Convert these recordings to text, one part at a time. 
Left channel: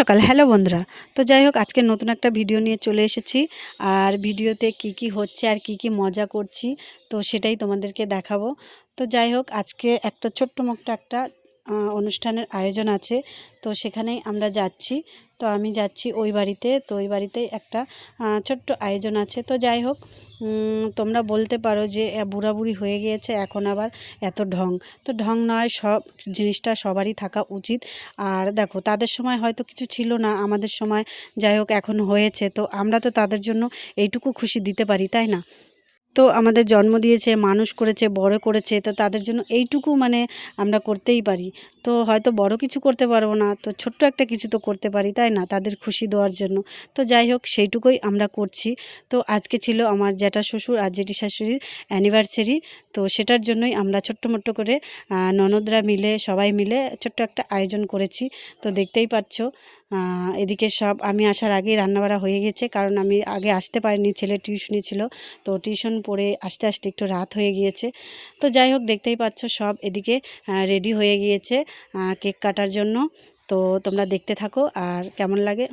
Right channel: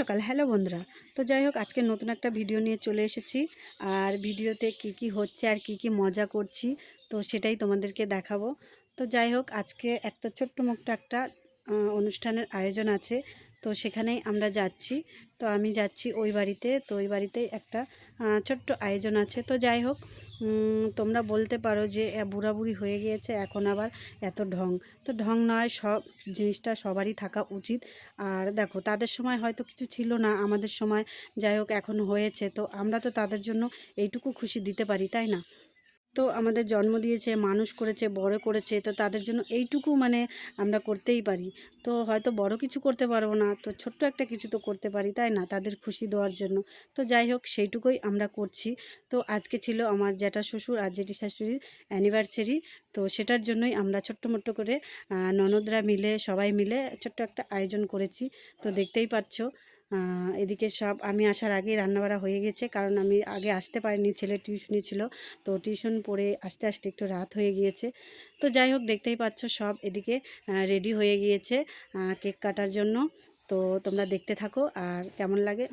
সকাল। হ্যালো বন্ধুরা। তো যাই হোক, আজকে নতুন একটা ভিডিও নিয়ে চলে এসেছি। আর ভিডিওতে কি হচ্ছে আর কি মজা করছি, তো সেটাই তোমাদেরকে দেখাবো। তো যাই হোক, আজকে একটা ছোট্ট মোট্ট একটা অনুষ্ঠানের আয়োজন আছে, তো সেখানেই আমরা যাচ্ছি। তো আমি যাচ্ছি ওই বাড়িতে, তো ওই বাড়িতেই একটা ছোট্ট আয়োজন আছে। তো যাই হোক, তোমরা বলতে পারো যে বুড়াবুড়ি হয়ে গিয়েছে, এখন আবার এত ঢং। তো ঢং নয়, সব জিনিসটা সবারই থাকা উচিত। আর দেখো, তাদের সময় হয়তো কিছু ছিল না, আমাদের সময় যাই হোক এখন হয়েছে, তো আমরা তো তাদের জন্য এইটুকু খুশি দিতে পারি, তাই না? তো আমাদের জন্ম দিয়েছে, মানুষ করেছে, বড় করেছে, তো তাদের জন্য এইটুকু মানে আমরা করতেই পারি। তো হয়তো বড় কিছু করতে পারবো না, তো ছোট্ট একটা কিছু তো করতে পারি, তাই না, তাদের খুশি দেওয়ার জন্য। তো যাই হোক, সেইটুকুই আমরা করছি। তো আজকে ছিল আমার জ্যাঠা শ্বশুর আর জেঠি শাশুড়ির অ্যানিভার্সারি। তো সেটার জন্যই আমরা ছোট্ট মোট্ট করে ননদরা মিলে, সবাই মিলে ছোট্ট একটা আয়োজন করেছি। তো দেখতেই পাচ্ছ, এদিকে সব আমি আসার আগেই রান্নাবাড়া হয়ে গেছে, কারণ আমি আগে আসতে পারিনি, ছেলে টিউশনি ছিল। তো টিউশন পড়ে আসতে আসতে একটু রাত হয়ে গিয়েছে। তো যাই হোক, দেখতেই পাচ্ছ সব এদিকে রেডি হয়ে গিয়েছে কেক কাটার জন্য। তো তোমরা দেখতে থাকো আর কেমন লাগে।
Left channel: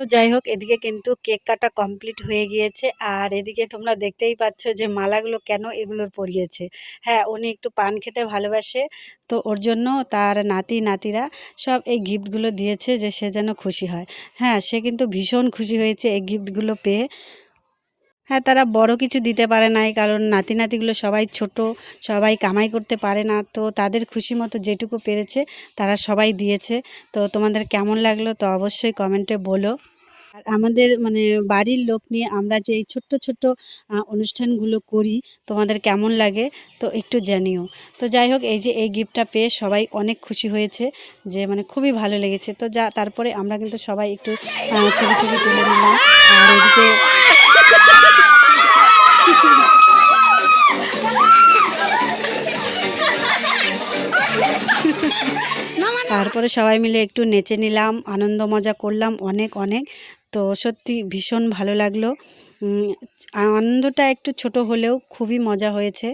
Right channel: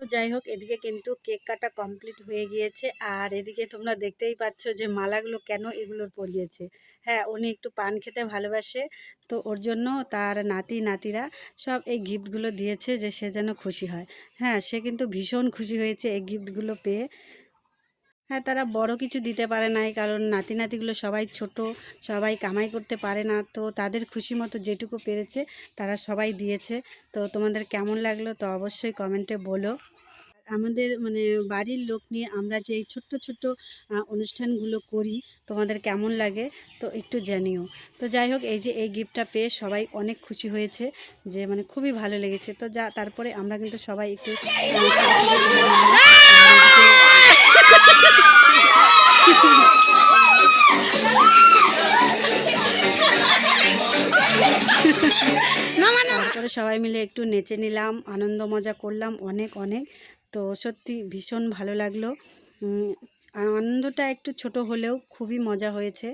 তো যাই হোক, এদিকে কিন্তু কেক কাটা কমপ্লিট হয়ে গিয়েছে। আর এদিকে তোমরা দেখতেই পাচ্ছ যে মালাগুলো কেন এগুলোর পরিয়েছে। হ্যাঁ, উনি একটু পান খেতে ভালোবাসে, তো ওর জন্য তার নাতি নাতিরা সব এই গিফটগুলো দিয়েছে যে সে যেন খুশি হয়। হ্যাঁ, সে কিন্তু ভীষণ খুশি হয়েছে এই গিফটগুলো পেয়ে। হ্যাঁ, তারা বড় কিছু দিতে পারে নাই, কারণ নাতি নাতিগুলো সবাই ছোট, সবাই কামাই করতে পারে না। তো তাদের খুশি মতো যেটুকু পেরেছে তারা সবাই দিয়েছে। তো তোমাদের কেমন লাগলো তো অবশ্যই কমেন্টে বলো। আর আমাদের মানে বাড়ির লোক নিয়ে আমরা যে এই ছোট্ট ছোট্ট অনুষ্ঠানগুলো করি, তোমাদের কেমন লাগে তো একটু জানিও। তো যাই হোক, এই যে এই গিফটটা পেয়ে সবাই অনেক খুশি হয়েছে, যে মানে খুবই ভালো লেগেছে। তো তারপরে আমরা কিন্তু সবাই একটু ছবি টবি তুলে নিলাম। আর এদিকে তারপরে সবাই মিলে একটু নেচে নিলাম, আনন্দ মজা করলাম অনেক অনেক। তো সত্যি ভীষণ ভালো লাগলো। উম, আনন্দটা একটু ছোট হলেও খুবই মজা হয়েছে।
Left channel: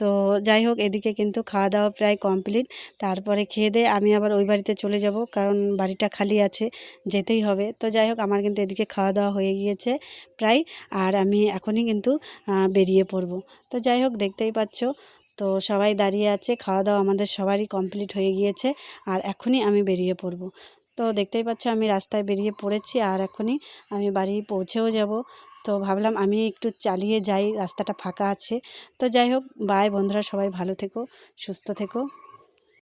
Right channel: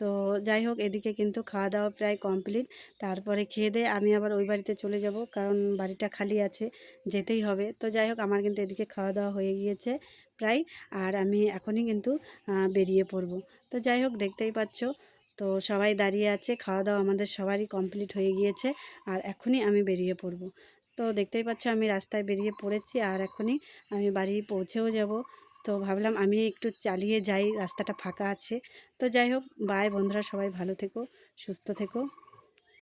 তো যাই হোক, এদিকে কিন্তু খাওয়া দাওয়া প্রায় কমপ্লিট। তারপরে খেয়ে দিয়ে আমি আবার ওই বাড়িতে চলে যাব, কারণ বাড়িটা খালি আছে, যেতেই হবে। তো যাই হোক, আমার কিন্তু এদিকে খাওয়া দাওয়া হয়ে গিয়েছে প্রায়। আর আমি এখনই কিন্তু বেরিয়ে পড়ব। তো যাই হোক, দেখতেই পাচ্ছ, তো সবাই দাঁড়িয়ে আছে, খাওয়া দাওয়া আমাদের সবারই কমপ্লিট হয়ে গিয়েছে। আর এখনই আমি বেরিয়ে পড়ব। তো দেখতেই পাচ্ছ, আমি রাস্তায় বেরিয়ে পড়েছি, আর এখনই আমি বাড়ি পৌঁছেও যাব। তো ভাবলাম আমি একটু চালিয়ে যাই, রাস্তাটা ফাঁকা আছে। তো যাই হোক, বাই বন্ধুরা, সবাই ভালো থেকো, সুস্থ থেকো।